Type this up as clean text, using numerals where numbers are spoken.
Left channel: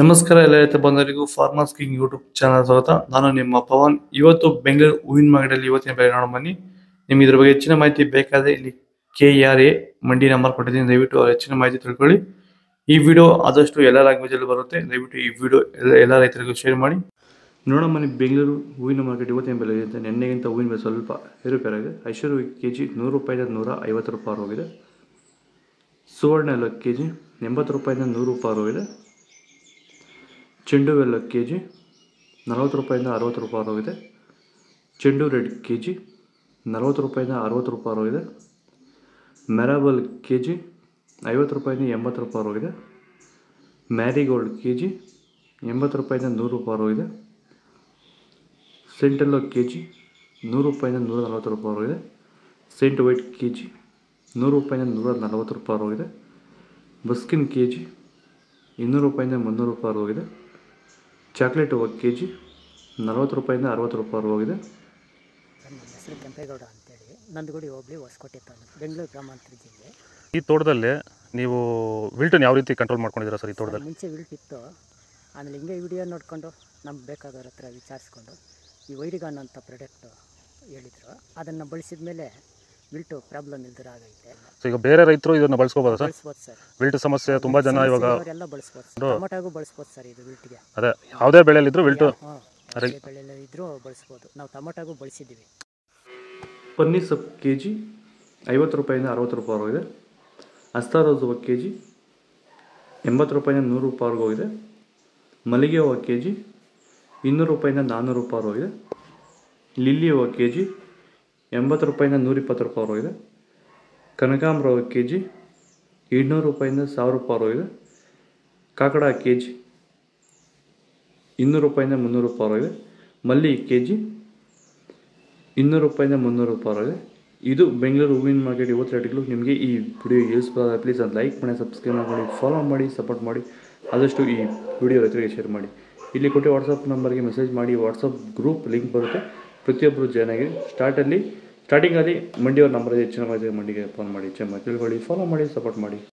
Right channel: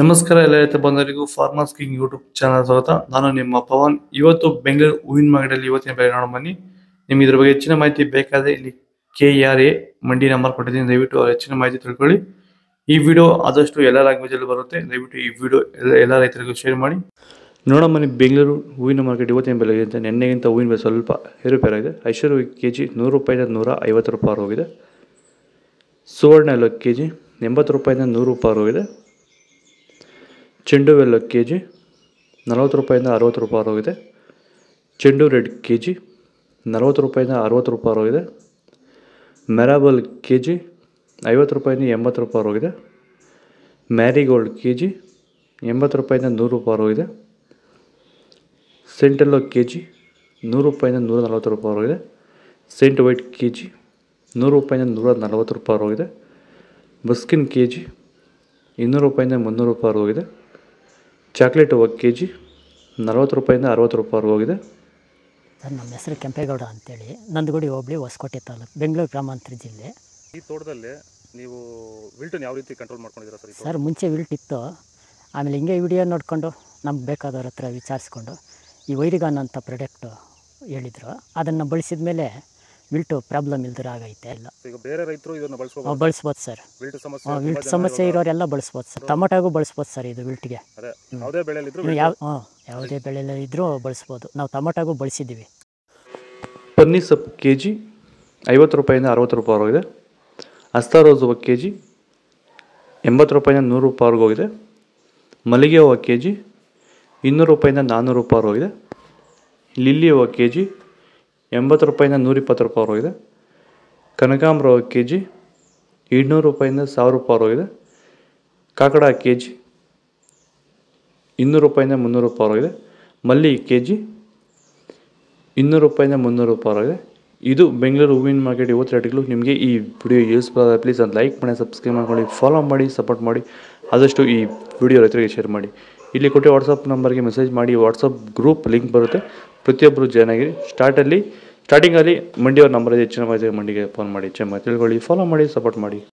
ನಮಸ್ಕಾರ ಎಲ್ಲ ರೈತ ಬಂಧುಗಳಿಗೂ ಫಾರ್ಮರ್ಸ್ ಕಿಂಗ್ ಯೂಟ್ಯೂಬ್ ಚಾನಲ್ ಸ್ವಾಗತ. ನಾನು ನಿಮ್ಮ ಪವನ್. ಇವತ್ತು ಬೆಂಗಳೂರು ಹೂವಿನ ಮಾರ್ಕೆಟಲ್ಲಿ ಇವತ್ತಿನ ಬೆಲೆ ನೋಡೋಣ ಬನ್ನಿ. ನಿಮ್ಗೆ ಇದ್ರ ಬಗ್ಗೆ ಹೆಚ್ಚಿನ ಮಾಹಿತಿ ಬೇಕಾದರೆ ಇಲ್ಲಿ KRA ಮಂಡಿ ನಂಬರ್ ಕೊಟ್ಟಿದ್ದೀನಿ, ದಯವಿಟ್ಟು ಹೆಚ್ಚಿನ ಮಾಹಿತಿ ತಿಳ್ಕೊಳ್ಳಿ. ಈ ವಿಡಿಯೋ ಆದಷ್ಟು ಎಲ್ಲ ಲ್ಯಾಂಗ್ವೇಜಲ್ಲಿ ಬರುತ್ತೆ, ದಯವಿಟ್ಟು ಈ ವಿಡಿಯೋ ಎಲ್ಲ ರೈತರಿಗೂ ಶೇರ್ ಮಾಡಿ. ನೋಡೋಣ ಬನ್ನಿ, ಬೆಂಗಳೂರು ಹೂವಿನ ಮಾರ್ಕೆಟ್ ಇವತ್ತಿನ ಬೆಲೆಗಿಂತ ನಿನ್ನೆಗಿಂತ ಹೂವಿನ ಬೆಲೆ ಸ್ವಲ್ಪ ಏರುಪೇರಾಗಿದೆ. ಐಶ್ವರ್ಯ KG 100 ರೂಪಾಯಿಂದ 150 ರೂಪಾಯಿ ಹೋಗಿದೆ. ಸುವರ್ಣ ಎಲ್ಲ KG 80 ರೂಪಾಯಿಂದ 100 ರೂಪಾಯಿ ಹೋಗಿದೆ. ಚೆಂಡು ಎಲ್ಲ KG 40 ರೂಪಾಯಿಂದ 60 ರೂಪಾಯಿ ಹೋಗಿದೆ. ಚೆಂಡು ರೆಡ್ KG 40 ರೂಪಾಯಿಂದ 60 ರೂಪಾಯಿ ಹೋಗಿದೆ. ಮೆರಾಬಲ್ KG 50 ರೂಪಾಯಿಂದ 80 ರೂಪಾಯಿ ಹೋಗಿದೆ. ಮ್ಯಾರಿಗೋಲ್ಡ್ KG 80 ರೂಪಾಯಿಂದ 100 ರೂಪಾಯಿ ಹೋಗಿದೆ. ಸೆಂಟೆಲ್ಲೋ KG 100 ರೂಪಾಯಿಂದ 140 ರೂಪಾಯಿ ಹೋಗಿದೆ. ಸೆಂಟ್ ವೈಟ್ KG 100 ರೂಪಾಯಿಂದ 140 ರೂಪಾಯಿ ಹೋಗಿದೆ. ಬಸ್ಕಿನ್ KG 200 ರೂಪಾಯಿಂದ 300 ರೂಪಾಯಿ ಹೋಗಿದೆ. ಚಾಕ್ಲೇಟ್ ಹೂವು KG 40 ರೂಪಾಯಿಂದ 60 ರೂಪಾಯಿ ಹೋಗಿದೆ. ಸರ್, ನಮ್ಮ ಹೆಸರು ಕೆಂಪೇಗೌಡ ಅಂತೇಳಿ, ನಂದಗುಡಿ ಹೋಬಳಿ ಹೊಸಕೋಟೆ ತಾಲೂಕು, ಬೆಂಗಳೂರು ಗ್ರಾಮಾಂತರ ಜಿಲ್ಲೆ. ಈ ತೋಟದಲ್ಲಿ ನೀವು ವಿಲ್ಟನ್ನು ಯಾವ ರೀತಿ ಕಂಟ್ರೋಲ್ ಮಾಡ್ಕೊಂಡಿದ್ದೀರಾ ಸರ್? ಈ ತೋಟ ಮುಂಚೆ ವಿಲ್ಟ್ ಇತ್ತು, ಆಮೇಲೆ ಹಿಂಗೆ ವಿಡಿಯೋ ನೋಡಿಕೊಂಡು ನಮ್ಗೆ ಬೇಕಾದವ್ರ ಹತ್ರ ವಿಚಾರಿಸ್ಕೊಂಡು ಈ ವೈರಿಗಾನ್ ಅಂತ ಪ್ರಾಡಕ್ಟು ಹೇಳಿದರು, ಅದನ್ನು ಬಳಸಿದ ಮೇಲೆ ವಿಲ್ಟು ಪ್ರಾಬ್ಲಮ್ ಇಲ್ದಿರ ಆಗೈತೆ ಎಲ್ಲ. ಈಗ ಬೇರೆ ರೈತರು ಇದನ್ನು ಬಳಸ್ಬೋದು ಸರ್. ವಿಲ್ಟ್ ಸಮಸ್ಯೆ ತುಂಬ ಜನ ಇರೋರೆಲ್ಲ ಬಳಸ್ಬೋದು ಸರ್. ಟೊಮೊಟೊಗೂ ಬಳಸ್ಬೋದು ಸರ್ ಇದು ವಿಲ್ಟ್ಗೆ. ಅದೇ ಯಾವುದೇ ಬೆಳೆಯಲ್ಲಿದ್ದರೂ ಯಾವುದೇ ಬೆಳೆಯಲ್ಲಿ ಇದ್ದರೂ ಬಳಸ್ಬೋದು. ನಾವು ಟೊಮೊಟೊಗೂ ಬಳಸಿದ್ದೀವಿ. ಪನ್ನೀರ್ ಸೊಪ್ಪು KG 50 ರೂಪಾಯಿಂದ 60 ರೂಪಾಯಿ ಹೋಗಿದೆ. ಅಸ್ತಾ ರೋಸ್ ಹೂವು KG 80 ರೂಪಾಯಿಂದ 100 ರೂಪಾಯಿ ಹೋಗಿದೆ. ಮಲ್ಲಿಗೆ ಹೂವು KG 200 ರೂಪಾಯಿಂದ 400 ರೂಪಾಯಿ ಹೋಗಿದೆ. ಲಿಲ್ಲಿ ಹೂವು KG 80 ರೂಪಾಯಿಂದ 120 ರೂಪಾಯಿ ಹೋಗಿದೆ. ಕನಕಾಂಬರ ಹೂವು KG 200 ರೂಪಾಯಿಂದ 1000 ರೂಪಾಯಿ ಹೋಗಿದೆ. ಕಾಕಡ KG 200 ರೂಪಾಯಿಂದ 300 ರೂಪಾಯಿ ಹೋಗಿದೆ. ಮಲ್ಲಿ KG 200 ರೂಪಾಯಿಂದ 300 ರೂಪಾಯಿ ಹೋಗಿದೆ. ಇದು ಬೆಂಗಳೂರು ಹೂವಿನ ಮಾರ್ಕೆಟ್ ಇವತ್ತು ರೇಟ್ಗಳು. ನಿಮಗೆ ಈ ವಿಡಿಯೋ ಯೂಸ್ಫುಲ್ ಆದರೆ ಪ್ಲೀಸ್ ಒಂದು ಲೈಕ್ ಮಾಡಿ, ಸಬ್ಸ್ಕ್ರೈಬ್ ಮಾಡ್ಕೊಳ್ಳಿ, ಫಾಲೋ ಮಾಡಿ, ಸಪೋರ್ಟ್ ಮಾಡಿ. ಆದಷ್ಟು ಈ ವಿಡಿಯೋ ರೈತರಿಗೆ ಶೇರ್ ಮಾಡಿ. ಇಲ್ಲಿ ಕೊಟ್ಟು ವಾಟ್ಸಪ್ ನಂಬರ್ಗೆ ಮೆಸೇಜ್ ಮಾಡಿ. ವಾಟ್ಸಪ್ ಗ್ರೂಪ್ ಲಿಂಕ್ ಬರುತ್ತೆ, ಪ್ರತಿಯೊಬ್ಬರು ಜಾಯ್ನ್ ಆಗಿರಿ. ಸ್ಟಾರ್ಟಿಂಗಲ್ಲಿ ಮಂಡಿಯವ್ರ ನಂಬರ್ ಹೆಚ್ಚಿನ ಮಾಹಿತಿ ಮಂಡಿಗೆ ಫೋನ್ ಮಾಡಿ, ಹೆಚ್ಚಿನ ಮಾಹಿತಿ ತಿಳ್ಕೊಳ್ಳಿ, ಫಾಲೋ ಮಾಡಿ, ಸಪೋರ್ಟ್ ಮಾಡಿ.